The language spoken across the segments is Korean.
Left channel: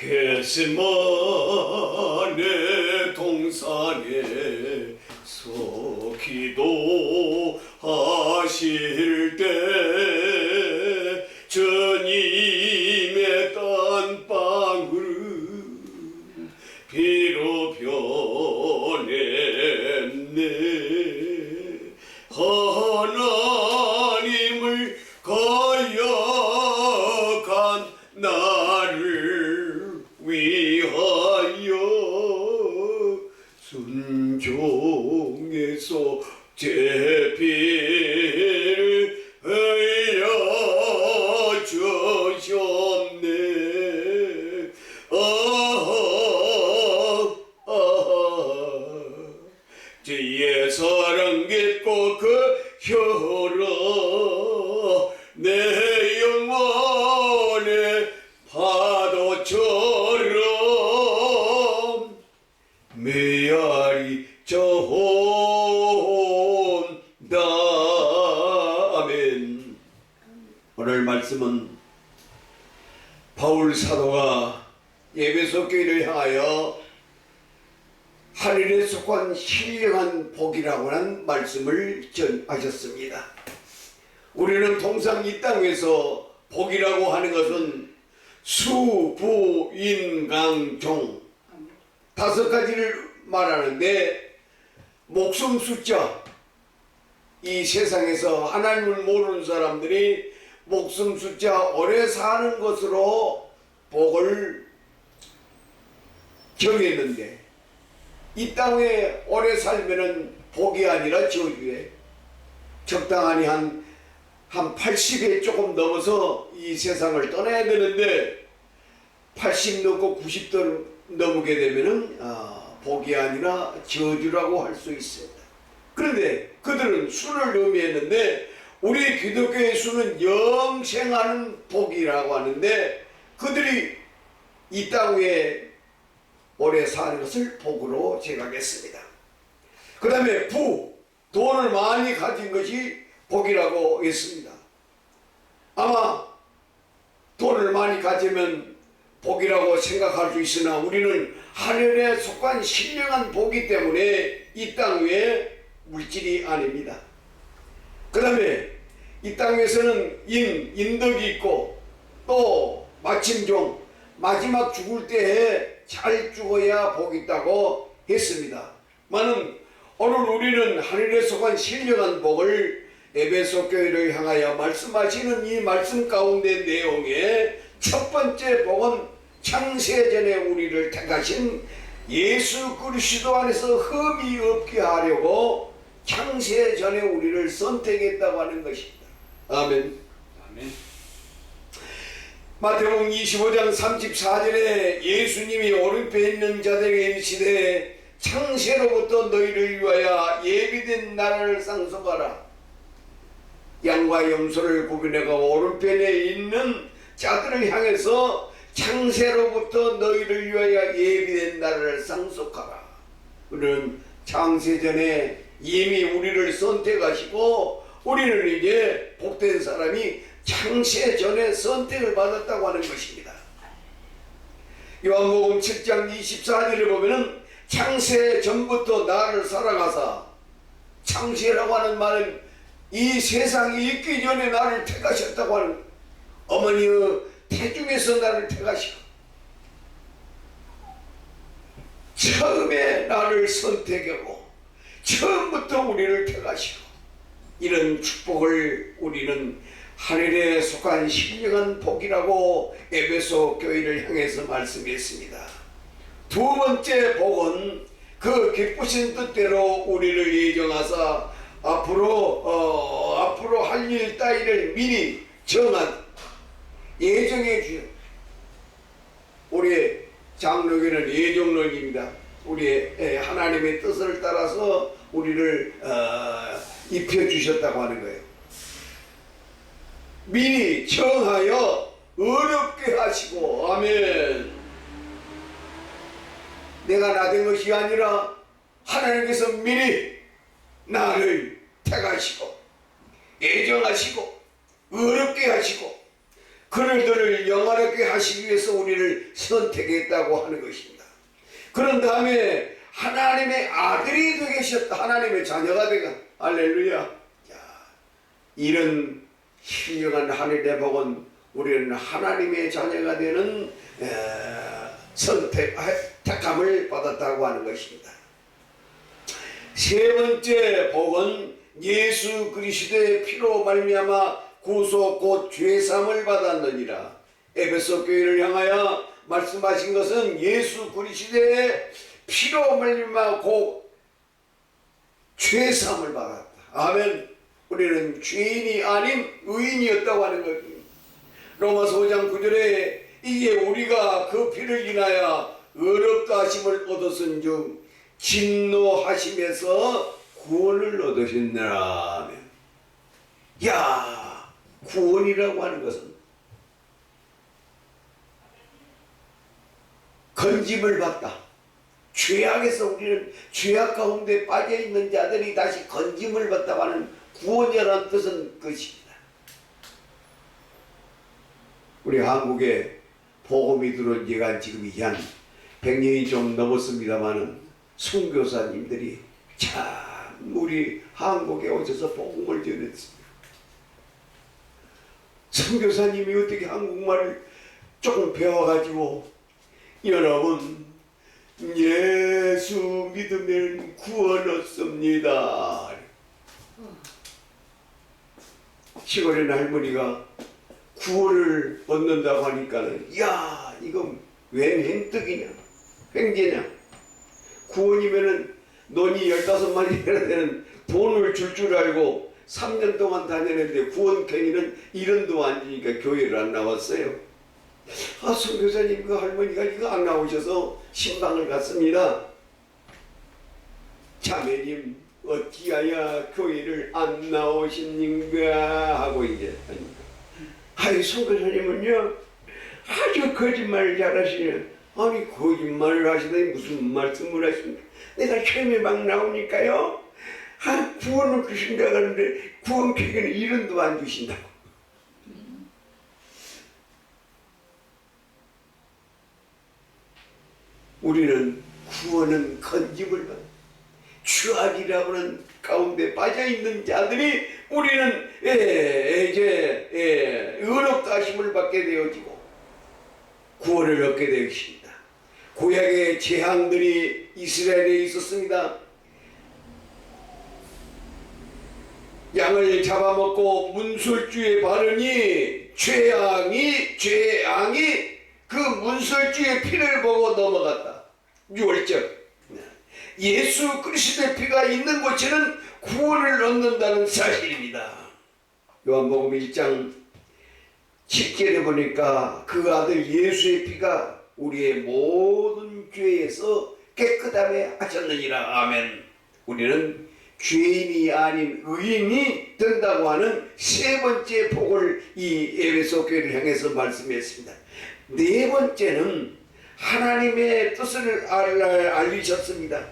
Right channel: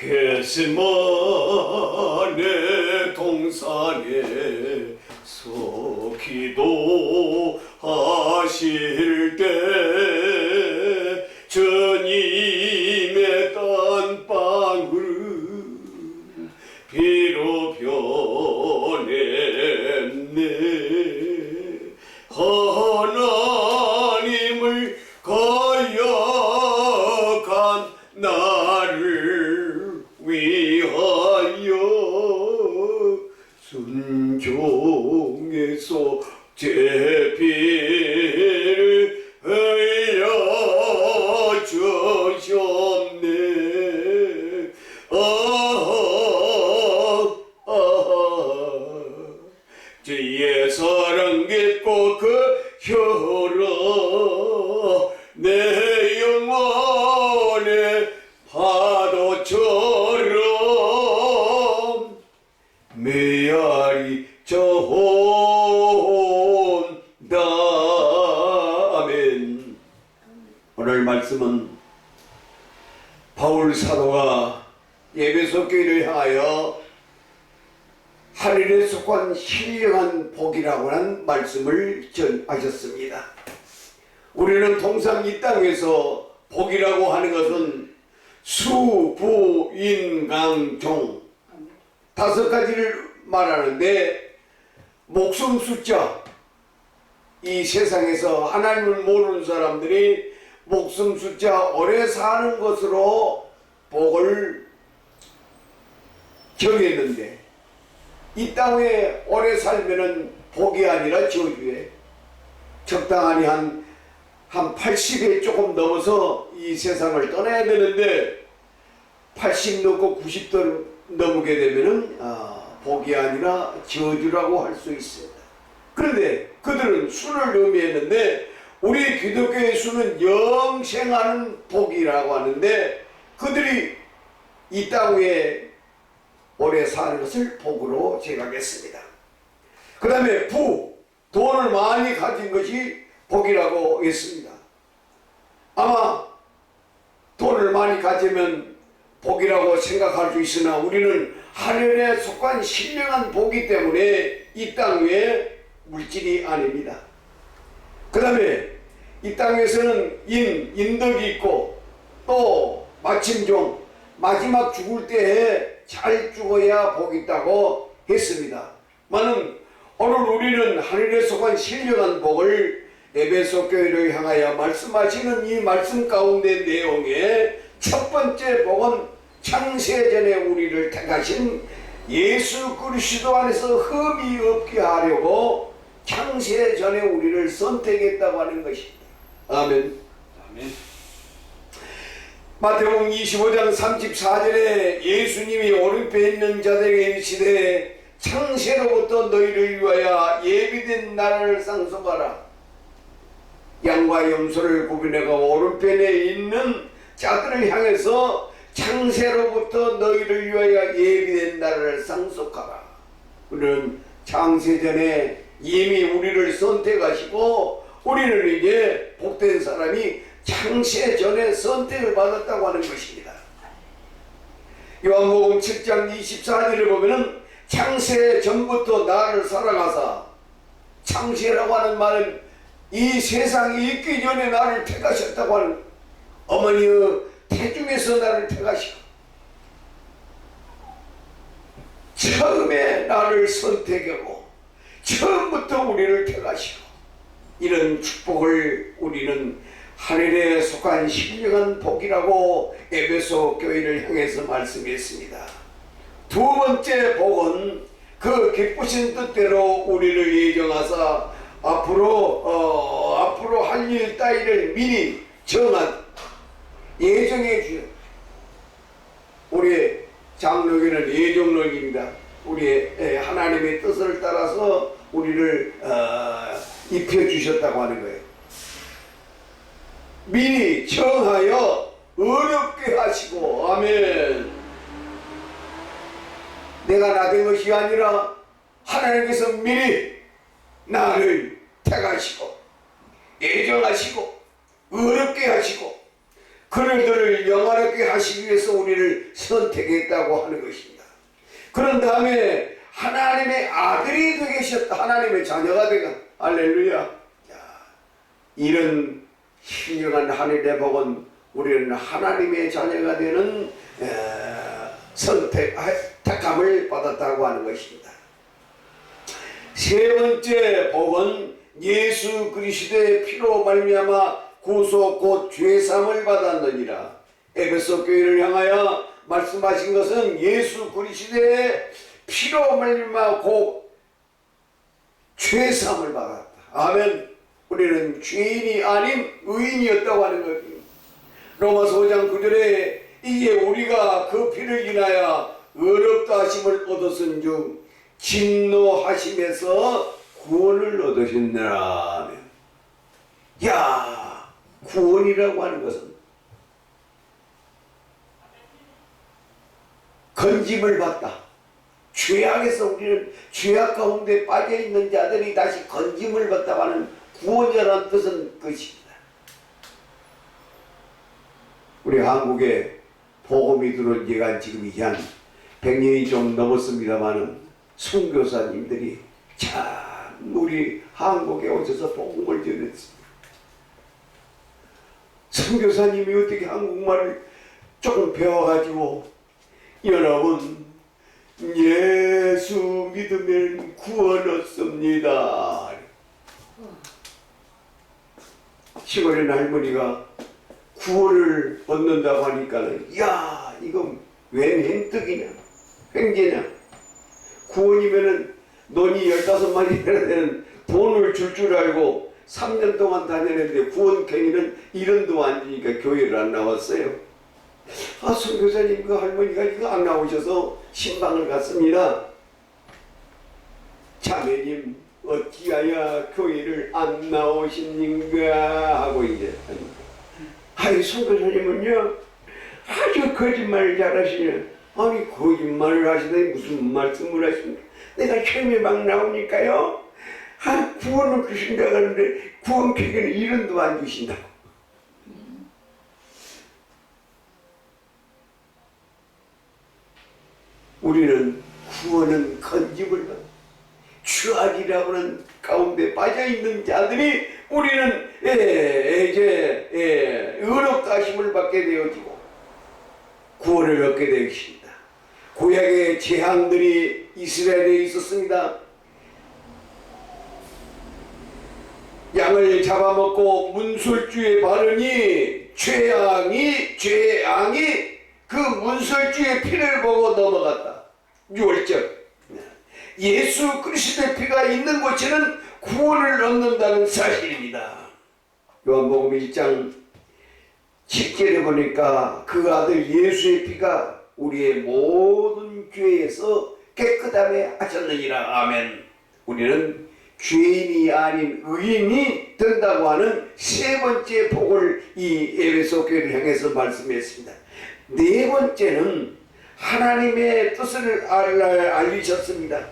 겟세마네 동산에서 기도하실 때 주님의 땀방울 비로 변했네. 하나님을 거역한 나를 위하여 순종에서 제비를 흘려주셨네. 주의 사랑 깊고 그 혈어 내 영혼의 파도처럼 메아리 저온다. 아멘. 오늘 말씀은 바울 사도가 에베소 교회를 향하여 하늘에 속한 신령한 복이라고 하는 말씀을 전하셨습니다. 우리는 통상 이 땅에서 복이라고 하는 것은 수, 부, 인, 강, 종 5가지를 말하는데, 목숨 숫자, 이 세상에서 하나님을 모르는 사람들이 목숨 숫자 오래 사는 것으로 복을 정했는데, 이 땅에 오래 살면은 복이 아니라 저주에, 적당하니 한 80에 조금 넘어서 이 세상을 떠나야 되는데 80 넘고 90도 넘게 되면은 복이 아니라 저주라고 할 수 있습니다. 그런데 그들은 수를 의미했는데, 우리 기독교의 수는 영생하는 복이라고 하는데, 그들이 이 땅 위에 오래 사는 것을 복으로 생각했습니다. 그 다음에 부, 돈을 많이 가진 것이 복이라고 했습니다. 아마 돈을 많이 가지면 복이라고 생각할 수 있으나, 우리는 하늘에 속한 신령한 복이 때문에 이 땅 위에 물질이 아닙니다. 그 다음에 이 땅에서는 인덕이 있고, 또 마침종, 마지막 죽을 때에 잘 죽어야 복이 있다고 했습니다. 많은 오늘 우리는 하늘에 속한 신령한 복을 에베소 교회를 향하여 말씀하시는 이 말씀 가운데 내용에 첫 번째 복은 창세전에 우리를 택하신 예수 그리스도 안에서 흠이 없게 하려고 창세전에 우리를 선택했다고 하는 것입니다. 아멘. 아멘. 마태복음 25장 34절에 예수님이 오른편에 있는 자들에게 이르시되 창세로부터 너희를 위하여 예비된 나라를 상속하라. 양과 염소를 구분해가 오른편에 있는 자들을 향해서 창세로부터 너희를 위하여 예비된 나라를 상속하라. 우리는 창세전에 이미 우리를 선택하시고, 우리는 이제 복된 사람이 창세전에 선택을 받았다고 하는 것입니다. 요한복음 7장 24절을 보면은 창세전부터 나를 사랑하사, 창세라고 하는 말은 이 세상이 있기 전에 나를 택하셨다고 하는, 어머니의 태중에서 나를 택하시고 처음에 나를 선택하고 처음부터 우리를 택하시고, 이런 축복을 우리는 하늘에 속한 신령한 복이라고 에베소 교회를 향해서 말씀했습니다. 두 번째 복은 그 기쁘신 뜻대로 우리를 예정하사 앞으로 할 일 따위를 미리 정한, 예정해 주신, 우리 장로교는 예정론입니다. 우리의 하나님의 뜻을 따라서 우리를 입혀주셨다고 하는 거예요. 미리 정하여 어렵게 하시고, 아멘. 내가 나된 것이 아니라 하나님께서 미리 나를 택하시고 예정하시고 어렵게 하시고 그들을 영화롭게 하시기 위해서 우리를 선택했다고 하는 것입니다. 그런 다음에 하나님의 아들이 되셨다. 하나님의 자녀가 되가. 할렐루야. 이런 훌륭한 하늘의 복은 우리는 하나님의 자녀가 되는 택함을 받았다고 하는 것입니다. 세 번째 복은 예수 그리스도의 피로 말미암아 구속 곧 죄사함을 받았느니라. 에베소 교회를 향하여 말씀하신 것은 예수 그리스도의 피로 말미암아 곧 죄사함을 받았다. 아멘. 우리는 죄인이 아닌 의인이었다고 하는 것입니다. 로마서 5장 9절에 이에 우리가 그 피를 인하여 의롭다 하심을 얻었은즉 진노하심에서 구원을 얻으셨느라. 야, 구원이라고 하는 것은 건짐을 받다. 죄악에서 우리는 죄악 가운데 빠져있는 자들이 다시 건짐을 받다고 하는 구원이라는 뜻은 것입니다. 우리 한국에 복음이 들어온 지가 지금 이제 한 100년이 좀 넘었습니다마는 선교사님들이 참 우리 한국에 오셔서 복음을 전했습니다. 선교사님이 어떻게 한국말을 조금 배워가지고 여러분 예수 믿으면 구원 얻습니다. 시골에 할머니가 구원을 얻는다고 하니까는 야 이거 웬 횡떡이냐 횡재냐. 구원이면은 논이 15마리 해야 되는 돈을 줄 알고 3년 동안 다녔는데 구원행위는 이런도 앉으니까 교회를 안 나왔어요. 아 선교사님 그 할머니가 이거 안 나오셔서 신방을 갔습니다. 자매님 어찌하여 교회를 안 나오십니까 하고 이제 하니까 아이 선교사님은요 아주 거짓말을 잘하시냐. 아니 거짓말을 하시더니 무슨 말씀을 하십니까. 내가 시험에 막 나오니까요 아 구원을 주신다고 하는데 구원 계획에는 1원도 안 주신다고. 우리는 구원은 건짐을 받아 추악이라고 하는 가운데 빠져있는 자들이 우리는 이제 의롭다 하심을 받게 되어지고 구원을 얻게 되었습니다. 구약의 재앙들이 이스라엘에 있었습니다. 양을 잡아먹고 문설주에 바르니 죄앙이 그 문설주의 피를 보고 넘어갔다. 6월절 예수 그리스도의 피가 있는 곳에는 구원을 얻는다는 사실입니다. 요한복음 1장 10절에 보니까 그 아들 예수의 피가 우리의 모든 죄에서 깨끗함에 하셨느니라. 아멘. 우리는 죄인이 아닌 의인이 된다고 하는 세 번째 복을 이 에베소 교회를 향해서 말씀했습니다. 네 번째는 하나님의 뜻을 알리셨습니다.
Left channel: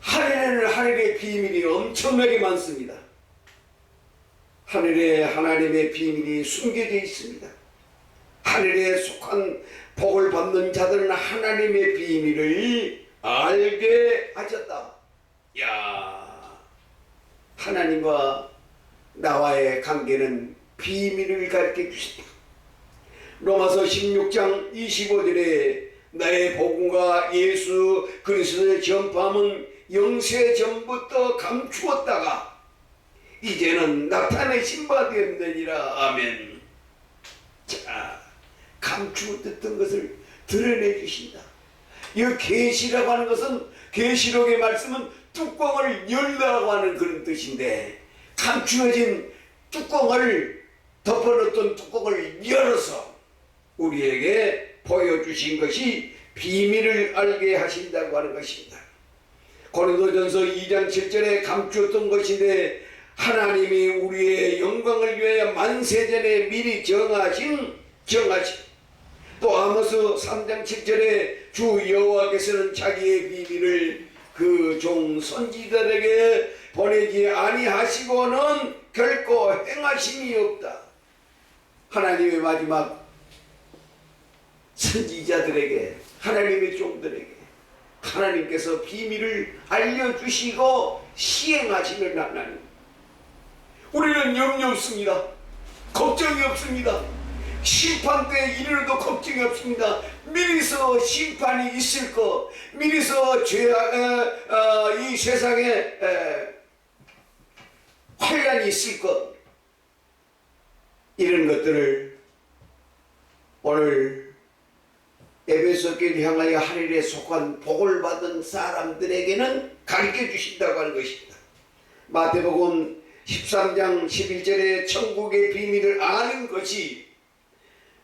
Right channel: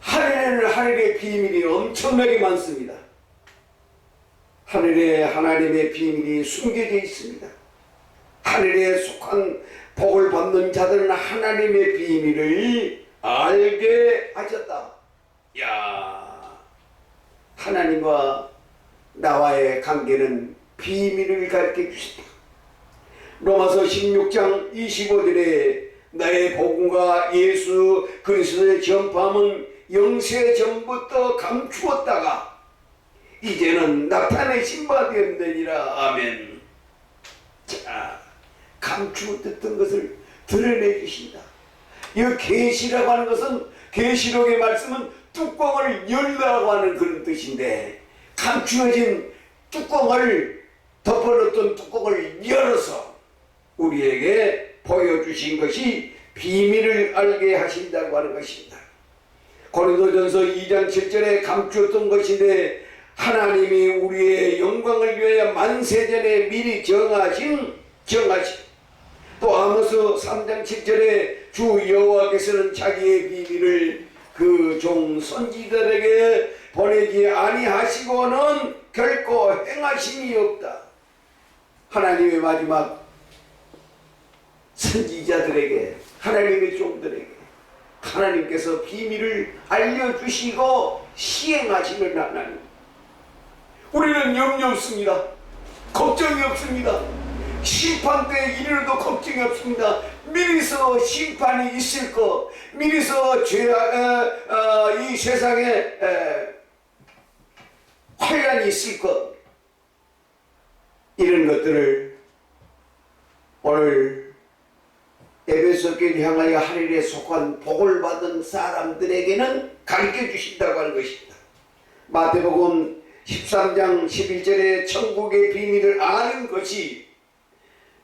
하늘에는 하늘의 비밀이 엄청나게 많습니다. 하늘에 하나님의 비밀이 숨겨져 있습니다. 하늘에 속한 복을 받는 자들은 하나님의 비밀을 알게 하셨다. 야, 하나님과 나와의 관계는 비밀을 가르쳐 주신다. 로마서 16장 25절에 나의 복음과 예수 그리스도의 전파함은 영세 전부터 감추었다가 이제는 나타내신 바 되었느니라. 아멘. 자, 감추었던 것을 드러내 주신다. 이 계시라고 하는 것은 계시록의 말씀은 뚜껑을 열라고 하는 그런 뜻인데 감추어진 뚜껑을 덮어놓던 뚜껑을 열어서 우리에게 보여주신 것이 비밀을 알게 하신다고 하는 것입니다. 고린도전서 2장 7절에 감추었던 것인데 하나님이 우리의 영광을 위하여 만세전에 미리 정하신 또 아모스 3장 7절에 주 여호와께서는 자기의 비밀을 그 종 선지자들에게 보내지 아니하시고는 결코 행하심이 없다. 하나님의 마지막 선지자들에게, 하나님의 종들에게 하나님께서 비밀을 알려주시고 시행하시는 하나님, 우리는 염려 없습니다. 걱정이 없습니다. 심판 때 이르러도 걱정이 없습니다. 미리서 심판이 있을 것, 미리서 이 세상에 환란이 있을 것, 이런 것들을 오늘 에베소 교회를 향하여 하늘에 속한 복을 받은 사람들에게는 가르쳐 주신다고 하는 것입니다. 마태복음 13장 11절에 천국의 비밀을 아는 것이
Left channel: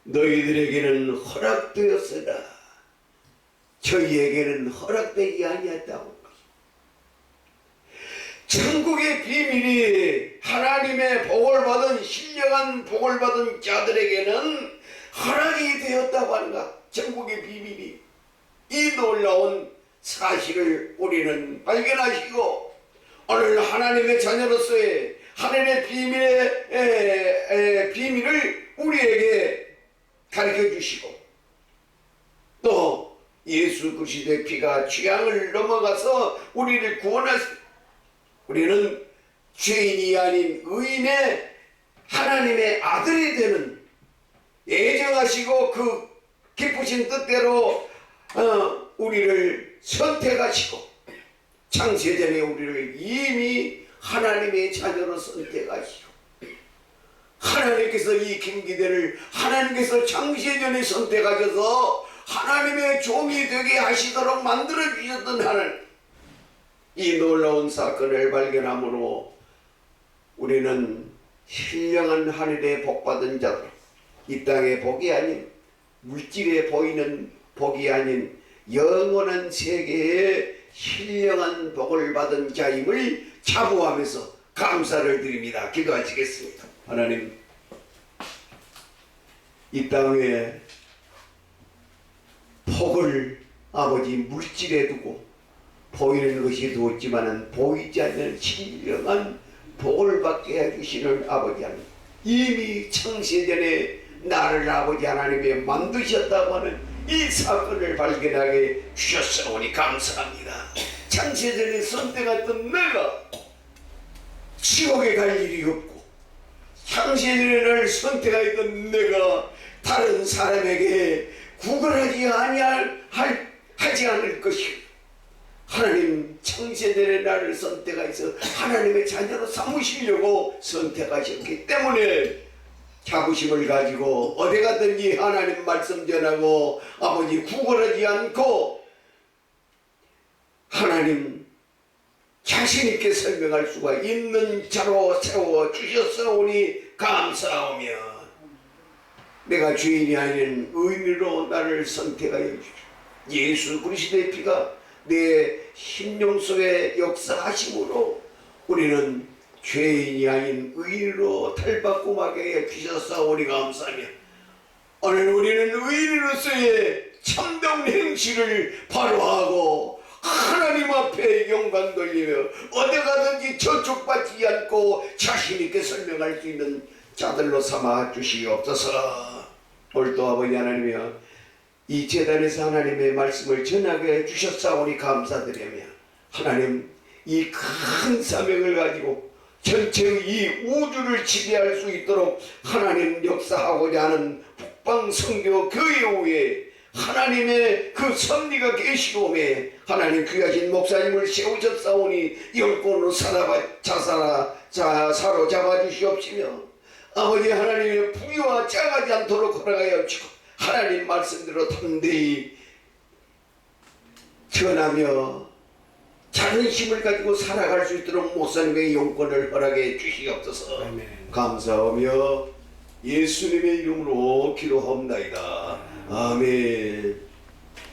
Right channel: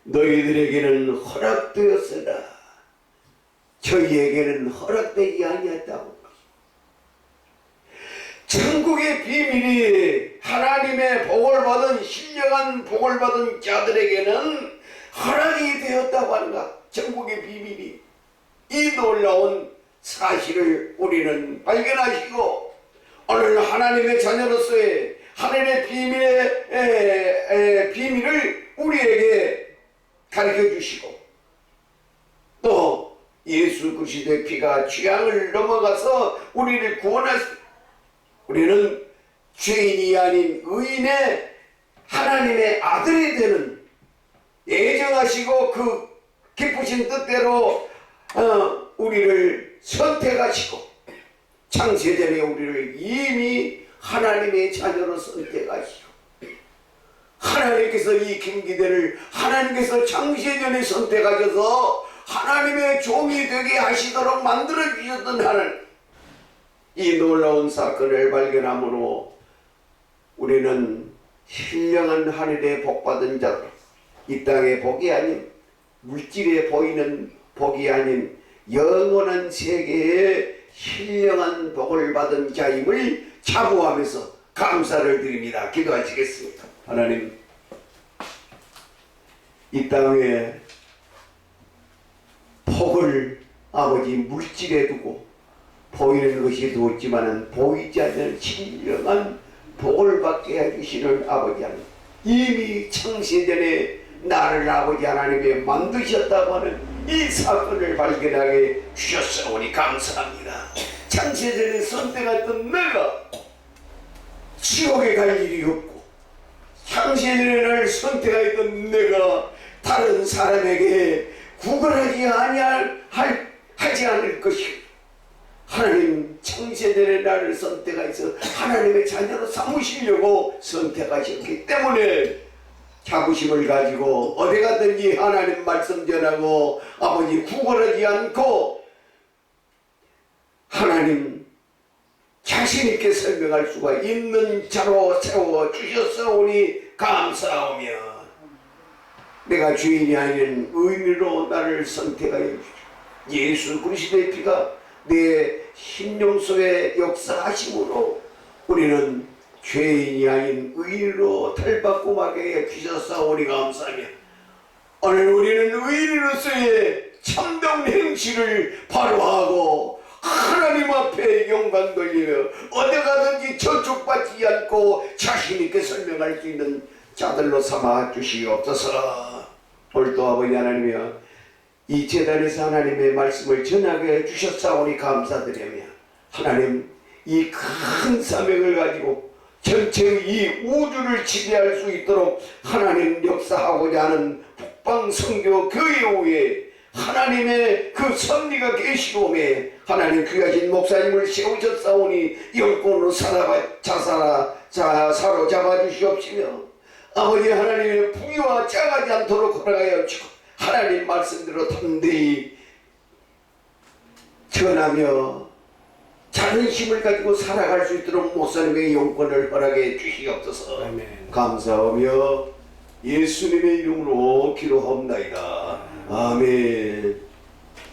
너희들에게는 허락되었으나 저희에게는 허락되지 아니었다고. 천국의 비밀이 하나님의 복을 받은, 신령한 복을 받은 자들에게는 허락이 되었다고 하는가. 천국의 비밀이, 이 놀라운 사실을 우리는 발견하시고 오늘 하나님의 자녀로서의 하나님의 비밀을 우리에게 가르쳐 주시고, 또 예수 그리스도의 피가 죄악을 넘어가서 우리를 구원하시고, 우리는 죄인이 아닌 의인의 하나님의 아들이 되는, 예정하시고 그 기쁘신 뜻대로 우리를 선택하시고 창세전에 우리를 이미 하나님의 자녀로 선택하시고, 하나님께서 이 김기대를 하나님께서 창세전에 선택하셔서 하나님의 종이 되게 하시도록 만들어 주셨던 하나님, 이 놀라운 사건을 발견함으로 우리는 신령한 하늘의 복받은 자로, 이 땅의 복이 아닌, 물질에 보이는 복이 아닌 영원한 세계의 신령한 복을 받은 자임을 자부하면서 감사를 드립니다. 기도하시겠습니다. 하나님, 이 땅에 복을 아버지 물질에 두고 보이는 것이 두었지만은 보이지 않는 신령한 복을 받게 해주시는 아버지 하나님, 이미 창세전에 나를 아버지 하나님이 만드셨다고 하는 이 사건을 발견하게 주셨사오니 감사합니다. 창세전에 선택했던 내가 지옥에 갈 일이 없고, 창세전에 나를 선택했던 내가 다른 사람에게 구걸하지 하지 않을 것이고, 하나님 창세전에 나를 선택하셔서 하나님의 자녀로 삼으시려고 선택하셨기 때문에 자부심을 가지고 어디 가든지 하나님 말씀 전하고 아버지 구걸하지 않고 하나님 자신 있게 설명할 수가 있는 자로 세워 주셨사오니 감사하며, 내가 죄인이 아닌 의인으로 나를 선택하여 주시고 예수 그리스도의 피가 내 심령 속에 역사하심으로 우리는 죄인이 아닌 의인으로 탈바꿈하게 해주셨사오니 감사하며, 오늘 우리는 의인으로서의 참된 행실을 바로 하고 하나님 앞에 영광 돌리며 어디 가든지 저촉받지 않고 자신 있게 설명할 수 있는 자들로 삼아 주시옵소서. 오늘도 아버지 하나님이여, 이 제단에서 하나님의 말씀을 전하게 해주셨사오니 감사드리며, 하나님 이 큰 사명을 가지고 전체 이 우주를 지배할 수 있도록 하나님 역사하고자 하는 북방선교 교회 후에 하나님의 그 섭리가 계시오매 하나님 귀하신 목사님을 세우셨사오니 영권으로 사로잡아 주시옵시며, 아버지 하나님의 부유와 짜가지 않도록 허락하여 주시고 하나님 말씀대로 담대히 전하며 자존심을 가지고 살아갈 수 있도록 목사님의 영권을 허락해 주시옵소서. 아멘. 감사하며 예수님의 이름으로 기도하옵나이다. 아멘.